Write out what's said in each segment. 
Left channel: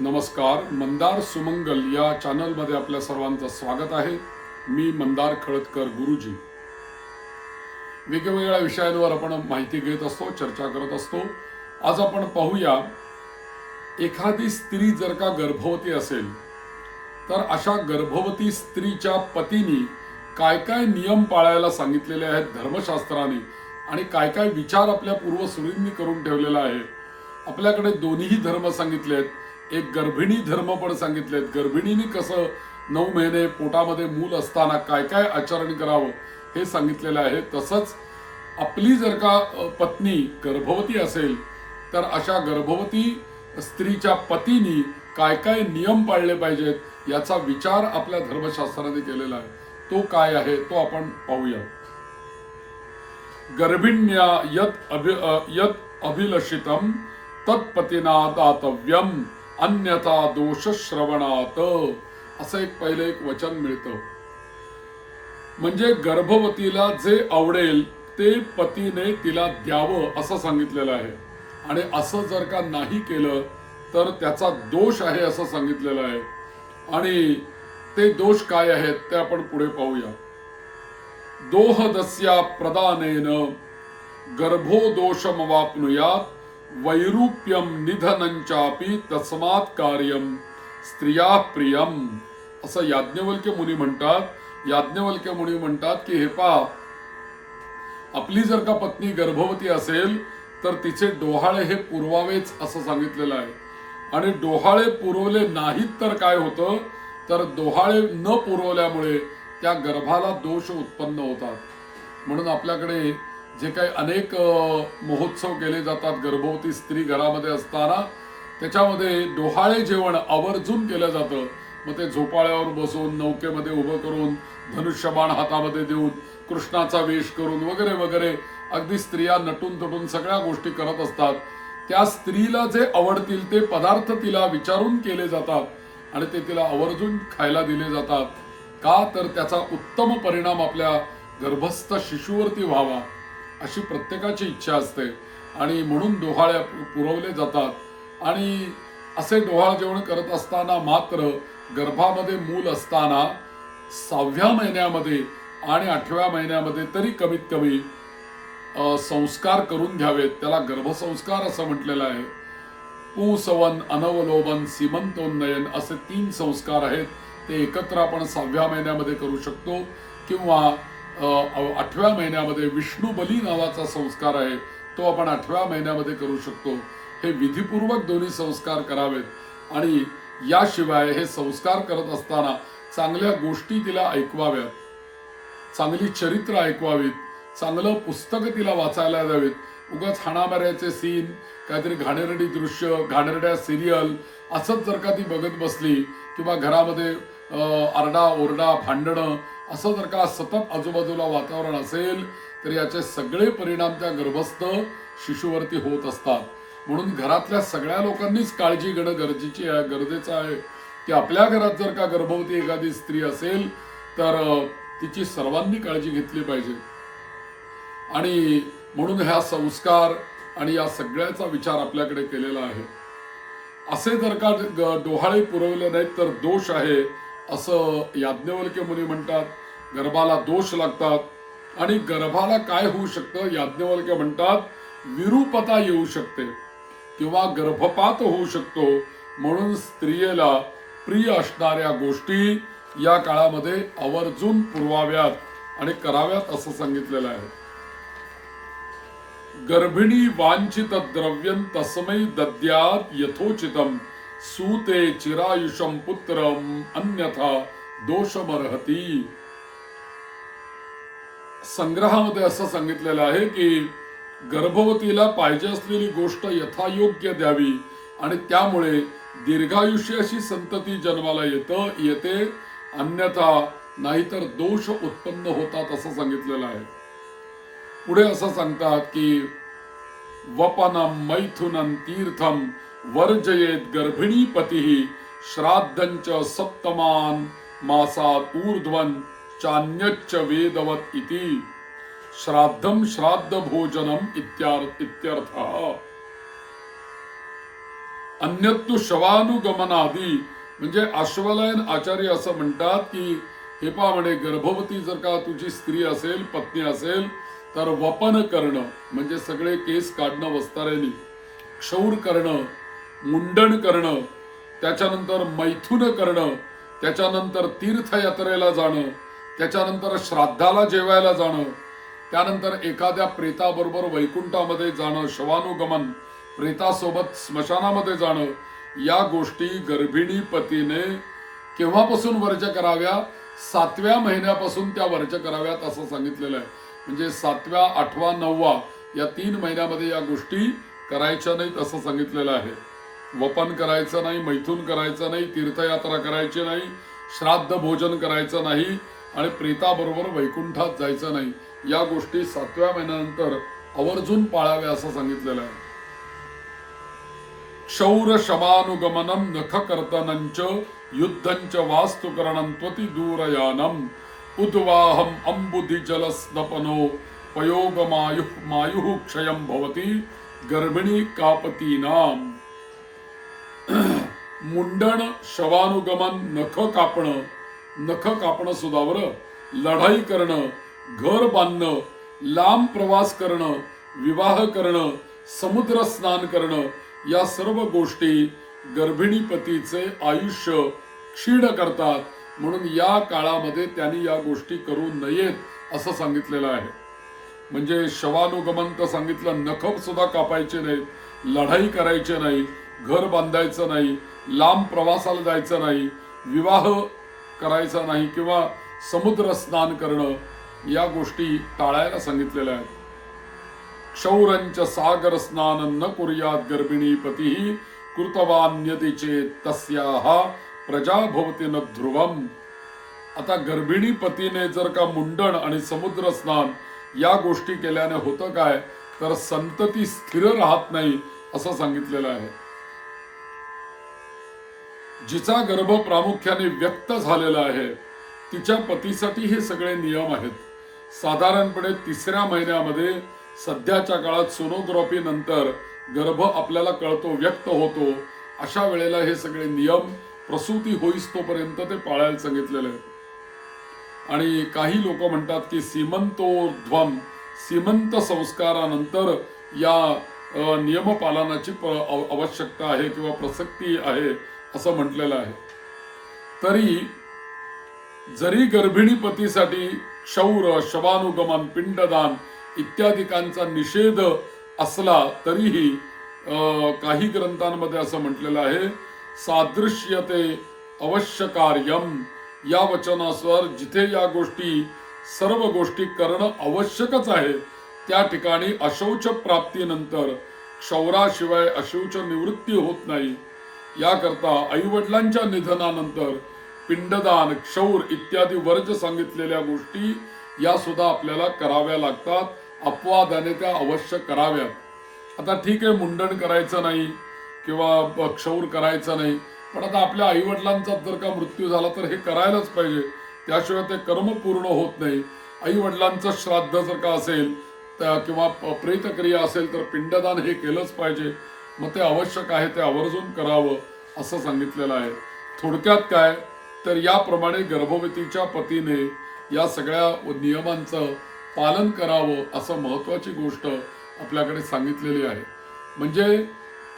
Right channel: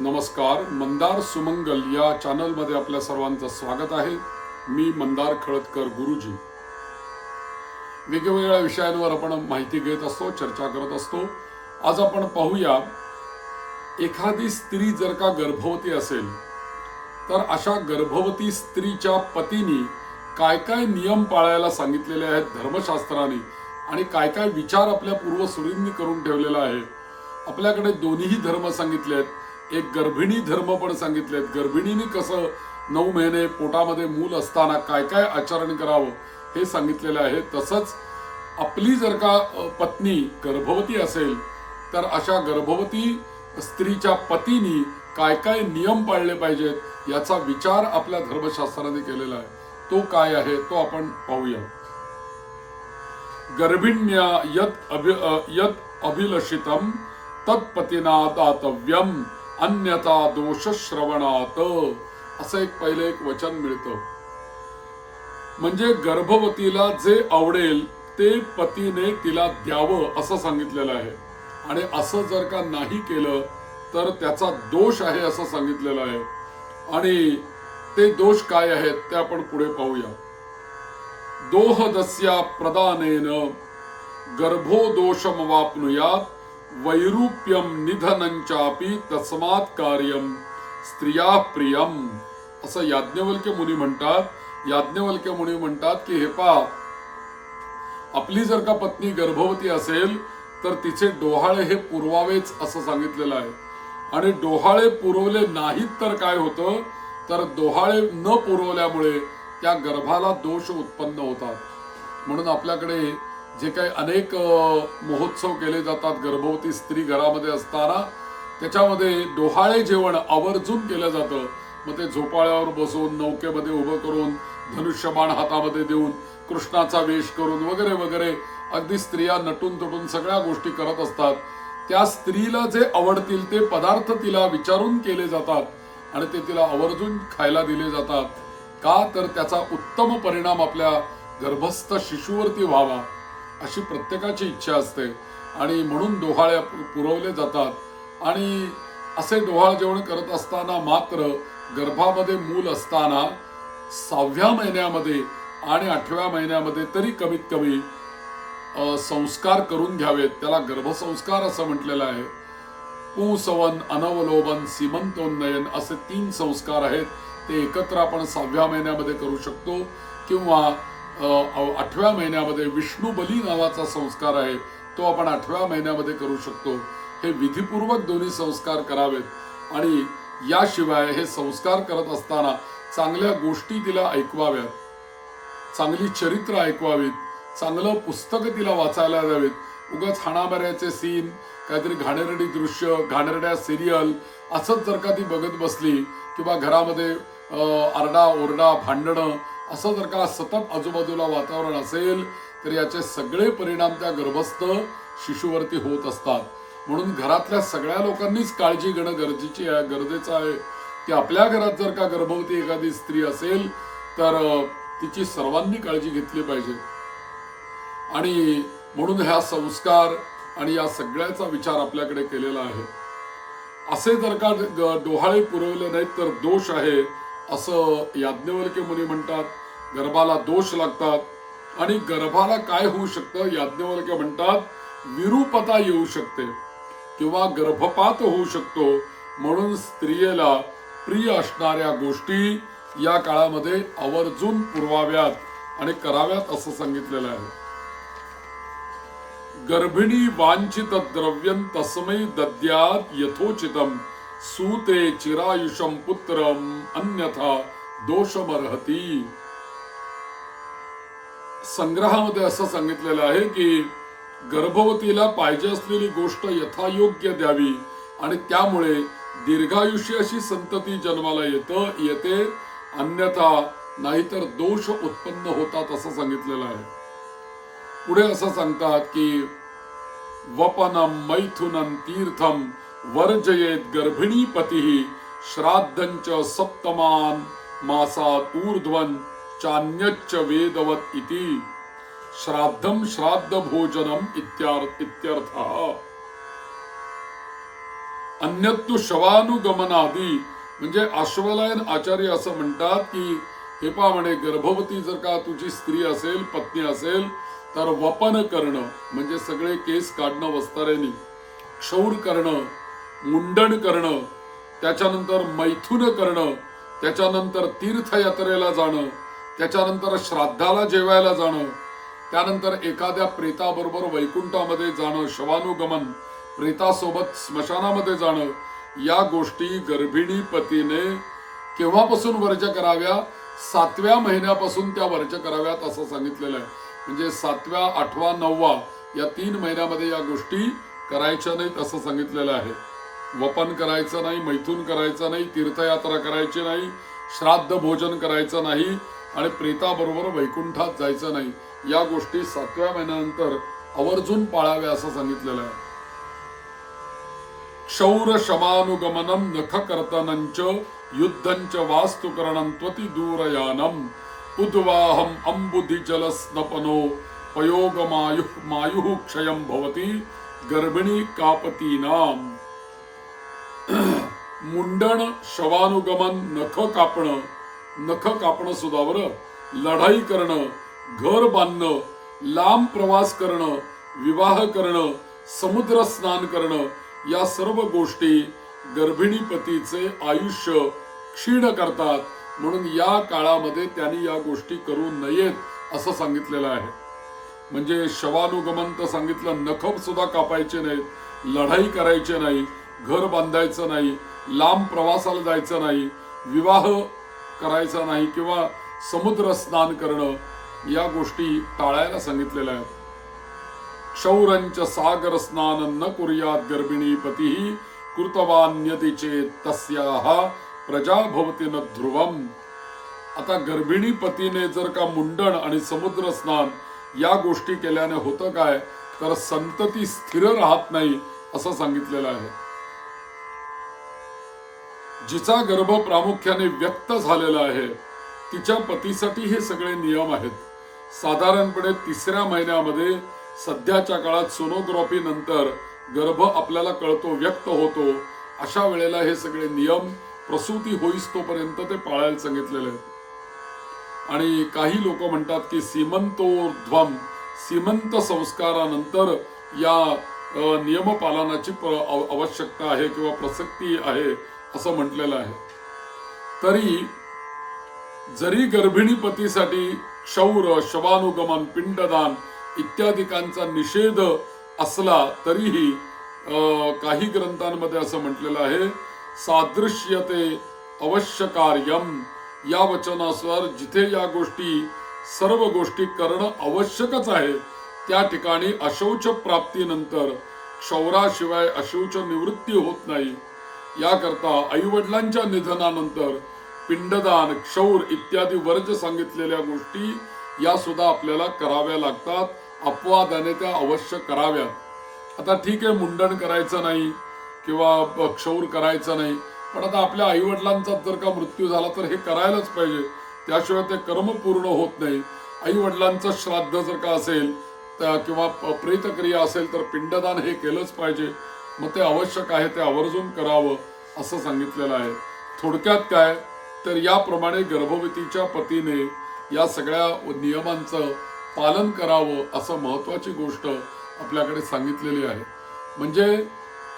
नमस्कार. मंदार सुमंगल या चॅनलमध्ये आपल्या सर्वांचं स्वागत आहे. मी मंदार खळदकर गुरुजी. वेगवेगळ्या विषयांवर आपण माहिती घेत असतो, चर्चा करत असतो. आज आपण पाहूया, एखादी स्त्री जर का गर्भवती असेल तर अशा गर्भवती स्त्रीच्या पतीने काय काय नियम पाळायला सांगितलेले आहेत धर्मशास्त्राने आणि काय काय विचार आपल्या पूर्वसुरींनी करून ठेवलेला आहे. आपल्याकडे दोन्ही धर्म सांगितलेत. एक गर्भिणी धर्म पण सांगितलेत. गर्भिणीने कसं 9 महिने पोटामध्ये मूल असताना काय काय आचरण करावं हे सांगितलेलं आहे. तसंच आपली जर का पत्नी गर्भवती असेल तर अशा गर्भवती स्त्रीच्या पतीने काय काय नियम पाळले पाहिजेत याचा विचार आपल्या धर्मशास्त्राने केलेला आहे. तो काय आहे तो आपण पाहूया. गर्भिण्या यत अभिलषितम तत्पतीना दातव्यम अन्यथा दोष श्रवणात, असं एक वचन मिळतं. म्हणजे गर्भवतीला जे आवडेल ते पतीने तिला द्यावं असं सांगितलेलं आहे. आणि असं जर का नाही केलं तर त्याचा दोष आहे असं सांगितलेलं आहे. आणि ते दोष काय आहेत ते आपण पुढे पाहूया. दोहदस्या प्रदानेन गर्भो दोषमवाप्नुयात वैरूप्यम निधनंचापि तस्मात् कार्यम स्त्रिया प्रियम, असं याज्ञवल्क्य मुनी म्हणतात. याज्ञवल्क्य मुनी म्हणतात की हे पहा, आपली जर का पत्नी गर्भवती असेल तर तिचे डोहाळे हे पुरवावेच असं सांगितलेलं आहे. आणि डोहाळे पुरवले नाहीत तर काय होतं, तर डोहाळे न पुरवल्यामुळे त्या गर्भाला दोष उत्पन्न होतात. म्हणून आपल्याकडे जे काही अनेक महोत्सव केले जातात गर्भवती स्त्री घरामध्ये असताना, त्याच्यामध्ये डोहाळे जेवण आवर्जून केलं जातं. मग ते झोपाळ्यावर बसून नौकेमध्ये उभं करून धनुष्यबाण हातामध्ये देऊन कृष्णाचा वेश करून वगैरे वगैरे अगदी स्त्रिया नटून तटून सगळ्या गोष्टी करत असतात. त्या स्त्रीला जे आवडतील ते पदार्थ तिला विचारून केले जातात आणि ते तिला आवर्जून खायला दिले जातात. का तर त्याचा उत्तम परिणाम आपल्या गर्भस्थ शिशूवरती व्हावा अशी प्रत्येकाची इच्छा असते. आणि म्हणून डोहाळे पुरवले जातात. आणि असे डोहाळ जेवण करत असताना मात्र गर्भामध्ये मूल असताना 6व्या महिन्यामध्ये आणि 8व्या महिन्यामध्ये तरी कमीत कमी संस्कार करून घ्यावेत. त्याला गर्भसंस्कार असं म्हटलेलं आहे. पुंसवन, अनवलोबन, सीमंतोन्नयन असे 3 संस्कार आहेत. ते एकत्र आपण 6व्या महिन्यामध्ये करू शकतो किंवा 8व्या महिन्यामध्ये विष्णू बली नावाचा संस्कार आहे तो आपण 8व्या महिन्यामध्ये करू शकतो. हे विधिपूर्वक दोन्ही संस्कार करावेत. आणि याशिवाय हे संस्कार करत असताना चांगल्या गोष्टी तिला ऐकवाव्यात, चांगली चरित्र ऐकवावीत, चांगलं पुस्तक तिला वाचायला द्यावेत. उगाच हाणामाऱ्याचे सीन, काहीतरी घाणेरडी दृश्य, घाणेरड्या सिरियल असंच जर का ती बघत बसली किंवा घरामध्ये आरडा ओरडा भांडणं असं जर का सतत आजूबाजूला वातावरण असेल तर याचे सगळे परिणाम त्या गर्भस्थ शिशूवरती होत असतात. म्हणून घरातल्या सगळ्या लोकांनीच काळजी घेणं गरजेचं आहे की आपल्या घरात जर का गर्भवती एखादी स्त्री असेल तर तिची सर्वांनी काळजी घेतली पाहिजे. आणि म्हणून ह्या संस्कार आणि या सगळ्याचा विचार आपल्याकडे केलेला आहे. असे जर का डोहाळे पुरवले नाहीत तर दोष आहे असं याज्ञवल्क्य मुनी म्हणतात. गर्भाला दोष लागतात आणि गर्भाला काय होऊ शकतं, याज्ञवल्क्य म्हणतात विरूपता येऊ शकते किंवा गर्भपात होऊ शकतो. म्हणून स्त्रियेला प्रिय असणाऱ्या गोष्टी या काळामध्ये आवर्जून पुरवाव्यात आणि कराव्यात असं सांगितलेलं आहे. गर्भिणी वांछित द्रव्यं तस्मै दद्यात् यथोचितम सूते चिरायुषम पुत्रम अन्यथा दोषमर्हति. संग्रहामध्ये असं सांगितलेलं आहे की गर्भवतीला पाहिजे असलेली गोष्ट यथायोग्य द्यावी आणि त्यामुळे दीर्घायुष्य अशी संतती जन्माला येते, अन्यथा नाहीतर दोष उत्पन्न होतात असं सांगितलेलं आहे. पुढे असं सांगतात की वपनम मैथुनम तीर्थम वर्जयेत गर्भिणी पती श्राद्धंच सप्तमान मासात ऊर्ध्वन चान्यच्च वेदवत इति. श्राद्धम श्राद्ध भोजनम इत्यर्थ. अन्यत्तु शवानुगमनादी म्हणजे अश्वलायन आचार्य असं म्हणतात की हे पहा म्हणे गर्भवती जर का तुझी स्त्री असेल पत्नी असेल तर वपन करणं म्हणजे सगळे केस काढणं वस्तारेनी, क्षौर करणं, मुंडन करणं, त्याच्यानंतर मैथुन करणं, त्याच्यानंतर तीर्थयात्रेला जाणं, त्याच्यानंतर श्राद्धाला जेवायला जाणं, त्यानंतर एखाद्या प्रेताबरोबर वैकुंठामध्ये जाणं, शवानुगमन, प्रेतासोबत स्मशानामध्ये जाणं, या गोष्टी गर्भिणी पतीने केव्हापासून वर्ज कराव्या? 7व्या महिन्यापासून त्या वर्ज कराव्यात असं सांगितलेलं आहे. म्हणजे 7व्या, 8वा, 9वा या 3 महिन्यामध्ये या गोष्टी करायच्या नाहीत असं सांगितलेलं आहे. वपन करायचं नाही, मैथून करायचं नाही, तीर्थयात्रा करायची नाही, श्राद्ध भोजन करायचं नाही आणि प्रेताबरोबर वैकुंठात जायचं नाही. या गोष्टी 7व्या महिन्यानंतर आवर्जून पाळाव्या असं सांगितलेलं आहे. क्षौर शमानुगमनम नख कर्तनंच युद्धंच वास्तुकरणं त्वति दूरयानम उद्वाहम अंबुधि जलस्नपनो पयोगमायुः क्षयं भवति गर्भिणी कापतीनाम. मुंडन, शवानुगमन, नख कापणं सुद्धा बरं, लढाई करणं, घर बांधणं, लांब प्रवास करणं, विवाह करणं, समुद्र स्नान करणं, या सर्व गोष्टी गर्भिणी पतीचे आयुष्य क्षीण करतात. म्हणून या काळामध्ये त्यांनी या गोष्टी करू नयेत असं सांगितलेलं आहे. म्हणजे शवानुगमन तर सांगितलं, नख सुद्धा कापायचे नाहीत, लढाई करायची नाही, घर बांधायचं नाही, लांब प्रवासाला जायचं नाही, विवाह करायचा नाही किंवा समुद्र स्नान करणं, या गोष्टी टाळायला सांगितलेल्या आहेत. क्षौरंच सागर स्नान न कुर्यात गर्भिणी पतीही कृतवान्यति चेत तस्याः प्रजा भवति न ध्रुवम. आता गर्भिणी पतीने जर का मुंडन आणि समुद्र स्नान या गोष्टी केल्याने होतं काय, तर संतती स्थिर राहत नाही असं सांगितलेलं आहे. जिचा गर्भ प्रामुख्याने व्यक्त झालेला आहे तिच्या पतीसाठी हे सगळे नियम आहेत. साधारणपणे 3ऱ्या महिन्यामध्ये सध्याच्या काळात सोनोग्राफी नंतर गर्भ आपल्याला कळतो, व्यक्त होतो. अशा वेळेला हे सगळे नियम प्रसूती होईस तोपर्यंत ते पाळायला सांगितलेले आहेत. आणि काही लोक म्हणतात की सीमंतोर्ध्वम, सीमंत संस्कारानंतर या नियम पालनाची आवश्यकता आहे किंवा प्रसक्ती आहे असं म्हटलेलं आहे. तरी जरी गर्भिणी पतीसाठी क्षौर, शवानुगमन, पिंडदान इत्यादिकांचा निषेध असला तरीही काही ग्रंथांमध्ये असं म्हटलेलं आहे, सादृश्यते अवश्य कार्यम. या वचनानुसार जिथे या गोष्टी सर्व गोष्टी करणं आवश्यकच आहे त्या ठिकाणी अशौच प्राप्तीनंतर क्षौराशिवाय अशौच निवृत्ती होत नाही. याकरता आईवडिलांच्या निधनानंतर पिंडदान, क्षौर इत्यादी वर्ज सांगितलेल्या गोष्टी या सुद्धा आपल्याला कराव्या लागतात. अपवादाने त्या अवश्य कराव्यात. आता ठीक आहे, मुंडन करायचं नाही किंवा क्षौर करायचं नाही, पण आता आपल्या आईवडिलांचा जर का मृत्यू झाला तर हे करायलाच पाहिजे, त्याशिवाय ते कर्म पूर्ण होत नाही. आईवडिलांचं श्राद्ध जर का असेल किंवा प्रेतक्रिया असेल तर पिंडदान हे केलंच पाहिजे. मग ते आवश्यक आहे, ते आवर्जून करावं असं सांगितलेलं आहे. थोडक्यात काय तर याप्रमाणे गर्भवतीच्या पतीने या सगळ्या नियमांचं पालन करावं असं महत्वाची गोष्ट आपल्याकडे सांगितलेली आहे. म्हणजे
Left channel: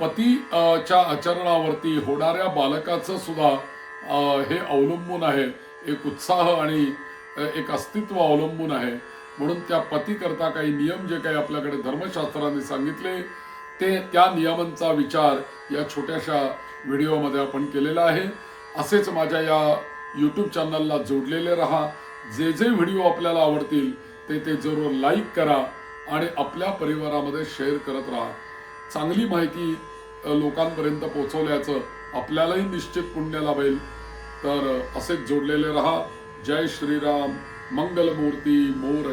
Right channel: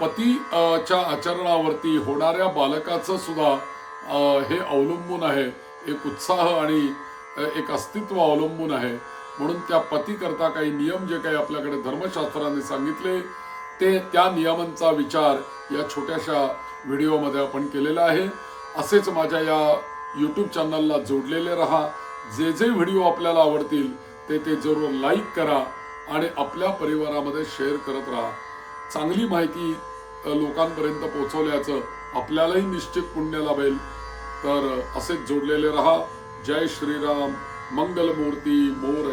पतीच्या आचरणावरती होणाऱ्या बालकाचं सुद्धा हे अवलंबून आहे, एक उत्साह आणि एक अस्तित्व अवलंबून आहे. म्हणून त्या पती करता काही नियम जे काही आपल्याकडे धर्मशास्त्राने सांगितले ते त्या नियमांचा विचार या छोट्याशा व्हिडिओमध्ये आपण केलेला आहे. असेच माझ्या या यूट्यूब चॅनलला जोडलेले राहा. जे जे व्हिडिओ आपल्याला आवडतील ते जरूर लाईक करा आणि आपल्या परिवारामध्ये शेअर करत राहा. चांगली माहिती लोकांपर्यंत पोहोचवल्याचं आपल्यालाही निश्चित पुण्य लाभेल. तर असेच जोडलेले राहा. जय श्रीराम. मंगलमूर्ती मोरया.